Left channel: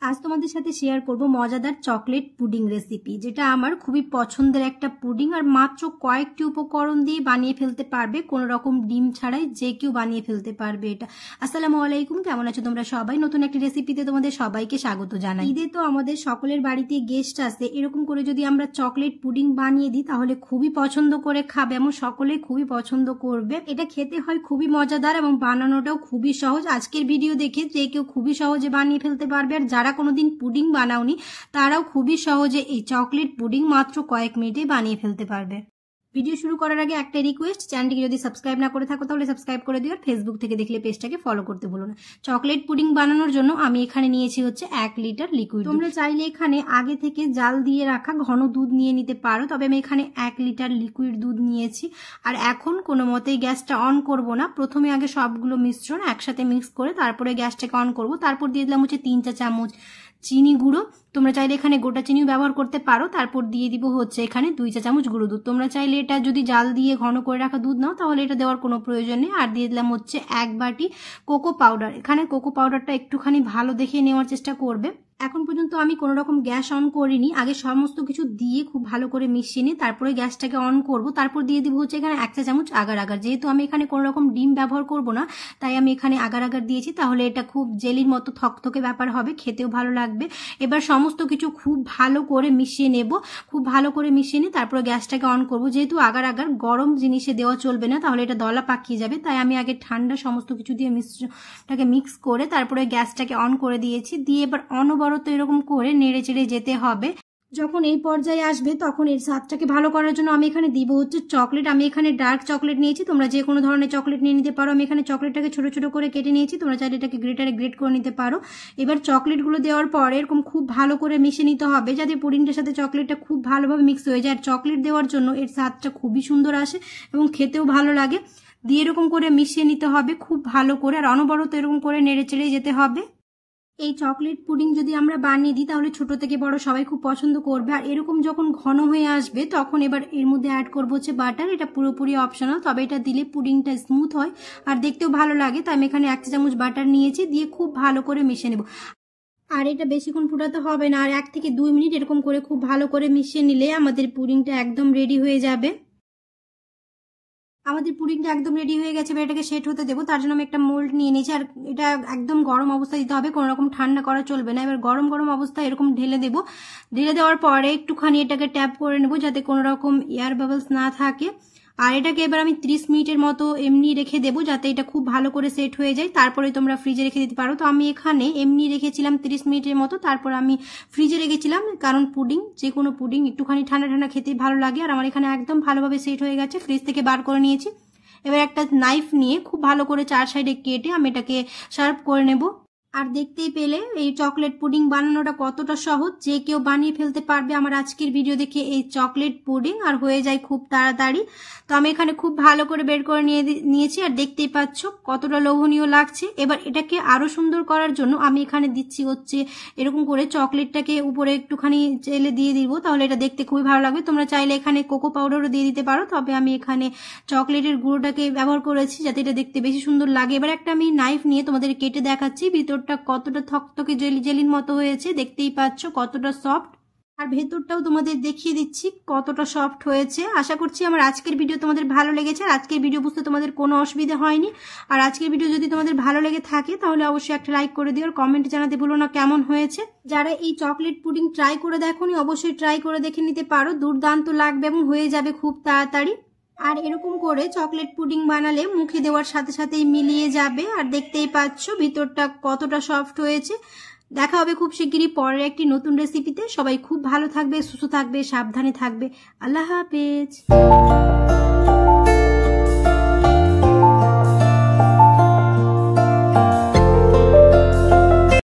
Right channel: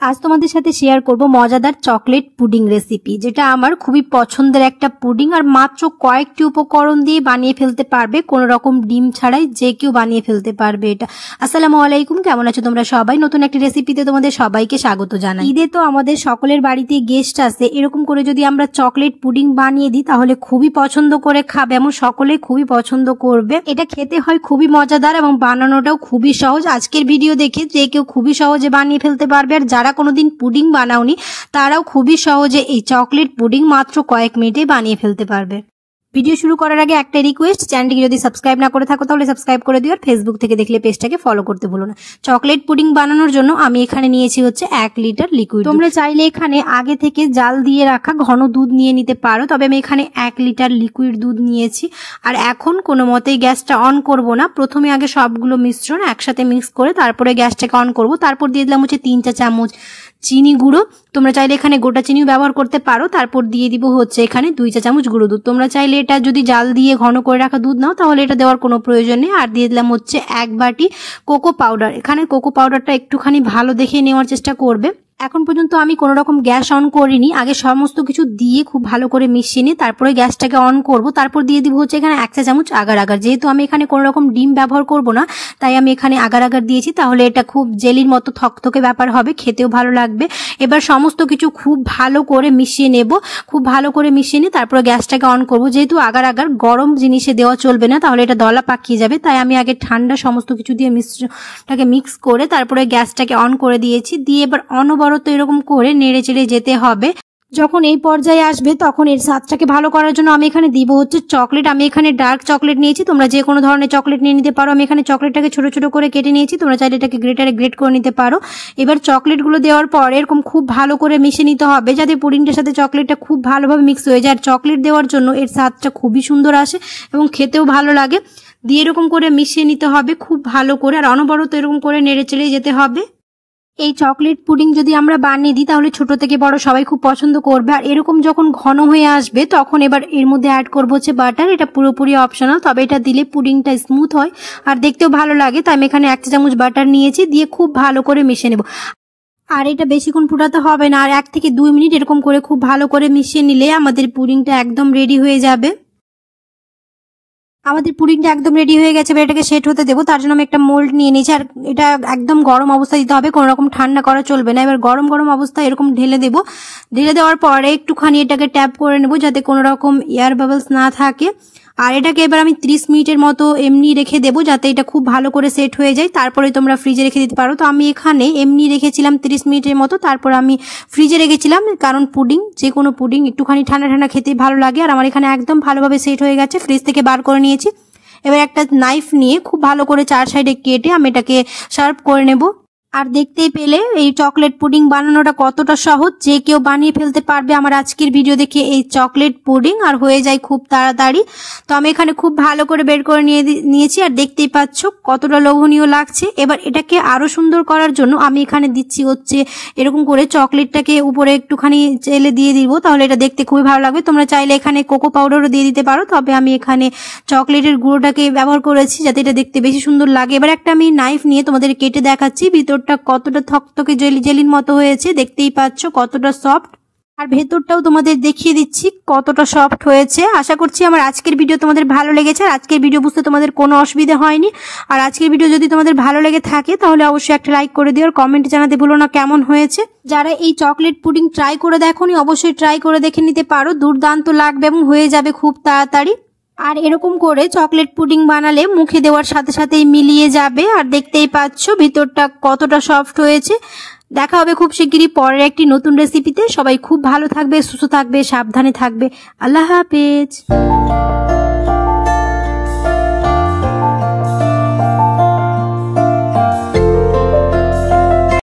আজ তোমাদের সাথে শেয়ার করব মজাদার চকলেট পুডিং রেসিপি, যেটা আমার খুবই পছন্দের একটা পুডিং আর মাত্র কয়েকটি উপকরণ দিয়ে বানিয়ে ফেলতে পারবে, কোনো রকম ডিম ছাড়াই যে কেউ বানিয়ে ফেলতে পারবে এটা। আসসালামু আলাইকুম, কেমন আছো তোমরা সবাই? নতুন একটি রেসিপিতে তোমাদের সবাইকে স্বাগত জানাই। ঈদে তো আমাদের সকলের বাড়িতে গেস্ট আসে, এরকম করে যদি আমরা চকলেট পুডিং বানিয়ে দিই তাহলে খুবই পছন্দ করে খাবে, এমন সকলে খুবই পছন্দ করবে। এটা খেতে হয় খুবই মজাদার এবং বানানোটাও খুবই সহজ। আজকের ভিডিও দেখে যে কেউ খুবই সহজে বানিয়ে ফেলতে পারবে, আর যারা কোনোদিন পুডিং বানাওনি তারাও খুবই সহজে এই চকলেট পুডিং মাত্র কয়েক মিনিটে বানিয়ে ফেলতে পারবে। ভিডিও শুরু করার আগে একটা রিকোয়েস্ট, চ্যানেলটিকে যদি সাবস্ক্রাইব না করে থাকো তাহলে সাবস্ক্রাইব করে দিও, আর ফেসবুক থেকে দেখলে পেজটাকে ফলো করতে ভুলো না। চকলেট পুডিং বানানোর জন্য আমি এখানে নিয়েছি হচ্ছে 1 লিটার লিকুইড। তোমরা চাইলে এখানে আগে থেকে জাল দিয়ে রাখা ঘন দুধ নিয়ে নিতে পারো, তবে আমি এখানে 1 লিটার লিকুইড দুধ নিয়েছি। আর এখন কোনো মতেই গ্যাসটা অন করব না, প্রথমে আগে সবগুলো মিশ্রণ একসাথে মিক্স করে তারপরে গ্যাসটাকে অন করব। তারপর দিয়ে দিলাম হচ্ছে 3 চা চামচ চিনি গুঁড়ো, তোমরা চাইলে এখানে গোটা চিনিও ব্যবহার করতে পারো। তারপর দিয়ে দিব হচ্ছে এখানে 2 চা চামচ গুঁড়ো দুধ। তোমরা চাইলে এটা যদি জাল দিয়ে ঘন করে রাখা দুধ নাও তাহলে এটা দেওয়ার কোনো প্রয়োজন নেই। আর দিয়ে দিলাম হচ্ছে 1 বাটি কোকো পাউডার। এখানে কোকো পাউডারটা একটুখানি ভালো দেখে নেওয়ার চেষ্টা করবে। এখন পর্যন্ত আমি কোনো রকম গ্যাস অন করিনি, আগে সমস্ত কিছু দিয়ে খুব ভালো করে মিশিয়ে নিয়ে তারপরে গ্যাসটাকে অন করব। তারপর দিয়ে দিব হচ্ছে এখানে 1 চা চামচ আগার আগার। যেহেতু আমি এখানে কোনো রকম ডিম ব্যবহার করব না, তাই আমি এখানে আগার আগার দিয়েছি, তাহলে এটা খুব জেলির মতো থকথকে ব্যাপার হবে, খেতেও ভালো লাগবে। এবার সমস্ত কিছু খুব ভালো করে মিশিয়ে নেব। খুব ভালো করে মিশিয়ে নিয়ে তারপরে গ্যাসটাকে অন করব। যেহেতু আগার আগার গরম জিনিসে দেওয়া চলবে না, তাহলে এটা দলা পাকিয়ে যাবে, তাই আমি আগে ঠান্ডা সমস্ত কিছু দিয়ে মিশ্রণটাকে মিক্স করে তারপরে গ্যাসটাকে অন করে দিয়েছি। দিয়ে এবার অনবরত এরকম করে নেড়ে চেড়ে যেতে হবে। যখন এই পর্যায়ে আসবে তখন এর স্বাদটাকে ভালো করার জন্য আমি এখানে দিব হচ্ছে চকলেট। আমি এখানে ডার্ক চকলেট নিয়েছি, তোমরা যে কোনো ধরনের চকলেট নিয়ে নিতে পারো। আমি এখানে চকলেটটাকে ছোট ছোট করে কেটে নিয়েছি, তোমরা চাইলে এটাকে গ্রেটারে গ্রেট করে নিতে পারো। এবার চকলেটগুলো দেওয়ার পর এরকম খুব ভালো করে মিশিয়ে নিতে হবে, যাতে পুডিংটার সাথে চকলেটটা খুব ভালোভাবে মিক্স হয়ে যায়। আর চকলেট দেওয়ার জন্য এর স্বাদটা খুবই সুন্দর আসে এবং খেতেও ভালো লাগে। দিয়ে এরকম করে মিশিয়ে নিতে হবে খুব ভালো করে, আর অনবরত এরকম করে নেড়ে চেড়ে যেতে হবে। এই চকলেট পুডিং যদি আমরা বানিয়ে দিই তাহলে ছোট থেকে বড় সবাই খুব পছন্দ করবে। আর এরকম যখন ঘন হয়ে আসবে তখন এবার এর মধ্যে অ্যাড করবো হচ্ছে বাটার। এটা পুরোপুরি অপশনাল, তবে এটা দিলে পুডিংটা স্মুথ হয় আর দেখতেও ভালো লাগে। তাই আমি এখানে 1 চা চামচ বাটার নিয়েছি, দিয়ে খুব ভালো করে মিশিয়ে নেব। আর এটা বেশিক্ষণ ফুটাতে হবে না, আর 1 থেকে 2 মিনিট এরকম করে খুব ভালো করে মিশিয়ে নিলে আমাদের পুডিংটা একদম রেডি হয়ে যাবে। আমাদের পুডিংটা একদম রেডি হয়ে গেছে, এবার এটাকে সেট হতে দেবো। তার জন্য আমি একটা মোল্ড নিয়ে নিয়েছি, আর এটা একদম গরম অবস্থায় দিতে হবে, কোনো রকম ঠান্ডা করা চলবে না। এবার গরম গরম অবস্থায় এরকম ঢেলে দেবো। ঢেলে দেওয়ার পরে একটুখানি এটাকে ট্যাপ করে নেবো যাতে কোনো রকম এয়ার বাবলস না থাকে। আর এটাকে এবার আমি 30 মিনিটের মতো এমনি রেখে দেবো যাতে এটা খুব ভালো করে সেট হয়ে যায়। তারপরে তোমরা ফ্রিজে রেখে দিতে পারো। তো আমি এখানে এমনি রেখেছিলাম 30 মিনিটের মতো, তারপর আমি ফ্রিজে রেখেছিলাম, কারণ পুডিং যে কোনো পুডিং একটুখানি ঠান্ডা ঠান্ডা খেতে ভালো লাগে। আর আমার এখানে একদম ভালোভাবে সেট হয়ে গেছে, ফ্রিজ থেকে বার করে নিয়েছি। এবার একটা নাইফ নিয়ে খুব ভালো করে 4 সাইডে কেটে আমি এটাকে সার্ভ করে নেব। আর দেখতেই পেলে এই চকলেট পুডিং বানানোটা কতটা সহজ, যে কেউ বানিয়ে ফেলতে পারবে আমার আজকের ভিডিও দেখে এই চকলেট পুডিং, আর হয়ে যায় খুব তাড়াতাড়ি। তো আমি এখানে খুব ভালো করে বের করে নিয়েছি, আর দেখতেই পাচ্ছ কতটা লোভনীয় লাগছে। এবার এটাকে আরো সুন্দর করার জন্য আমি এখানে দিচ্ছি হচ্ছে এরকম করে চকলেটটাকে উপরে একটুখানি চেলে দিয়ে দিব, তাহলে এটা দেখতে খুবই ভালো লাগবে। তোমরা চাইলে এখানে কোকো পাউডারও দিয়ে দিতে পারো, তবে আমি এখানে চকলেটের গুঁড়োটাকে ব্যবহার করেছি যাতে এটা দেখতে বেশি সুন্দর লাগে। এবার একটা আমি নাইফ নিয়ে তোমাদের কেটে দেখাচ্ছি ভিতরটা কতটা থকথকে জেলির মতো হয়েছে, দেখতেই পাচ্ছ কতটা সফট। আর ভেতরটাও তোমাদের দেখিয়ে দিচ্ছি কতটা সফট হয়েছে। আশা করছি আমার আজকের ভিডিও তোমাদের ভালো লেগেছে, আর আজকের ভিডিও বুঝতে তোমাদের কোনো অসুবিধা হয়নি। আর আজকের ভিডিও যদি তোমাদের ভালো লেগে থাকে তাহলে অবশ্যই একটা লাইক করে দিও, আর কমেন্টে জানাতে ভুলো না কেমন হয়েছে। যারা এই চকলেট পুডিং ট্রাই করে দেখোনি অবশ্যই ট্রাই করে দেখে নিতে পারো, দুর্দান্ত লাগবে এবং হয়ে যাবে খুব তাড়াতাড়ি। আর এরকম করে চকলেট পুডিং বানালে মুখে দেওয়ার সাথে সাথেই মিলিয়ে যাবে। আর দেখতেই পাচ্ছ ভিতরটা কতটা সফট হয়েছে। দেখা হবে খুব শিগগিরই পরের একটি নতুন রেসিপিতে। সবাই খুব ভালো থাকবে, সুস্থ থাকবে, সাবধানে থাকবে। আল্লাহ হাফেজ।